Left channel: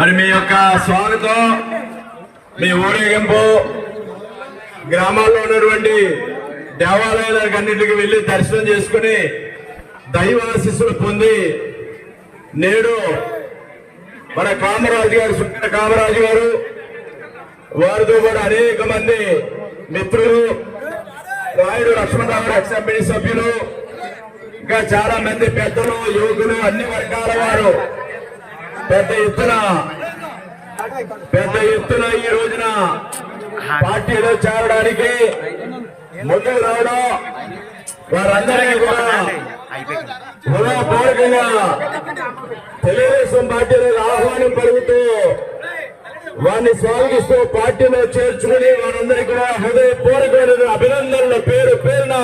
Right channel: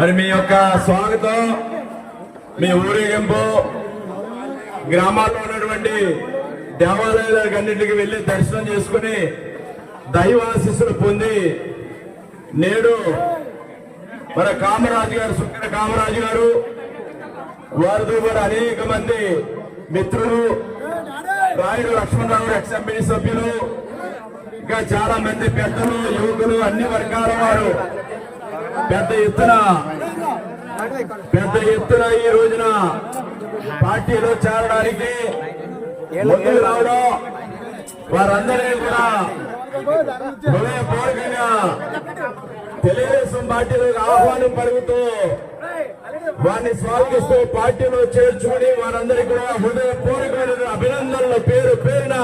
మరి మీ యొక్క స్వాగతం, మీ ఊరేగింపు గ్రామాల్లో ఉన్నటువంటి దేవాలయాలకు అన్నింటికి వెళ్లి దర్శనం చేసుకుని దైవాశీస్సులు పొంది నేడు మన కామరాజు గారు, సుందర కామరాజు గారు, వారితో కూడా అనేక మంది మిత్రులు, రాయుడు లక్ష్మణరావు గారు ఎక్స్ఎంపీ సభ్యులు, ఇంకా చాలా మంది పెద్దలు, యువకులు, అన్ని వర్గాల వారు పెద్ద ఎత్తున ఈ రోజున పార్టీలో చేరడానికి ముందుకు రావడం, వారందరికీ కూడా హృదయపూర్వకంగా తెలుగుదేశం పార్టీలకు ఆహ్వానం పలుకుతూ వారిని స్వాగతిస్తూ పార్టీలో చేర్చుకుని వారందరికీ కూడా హృదయపూర్వకమైన అభినందనలు పేరు పేరున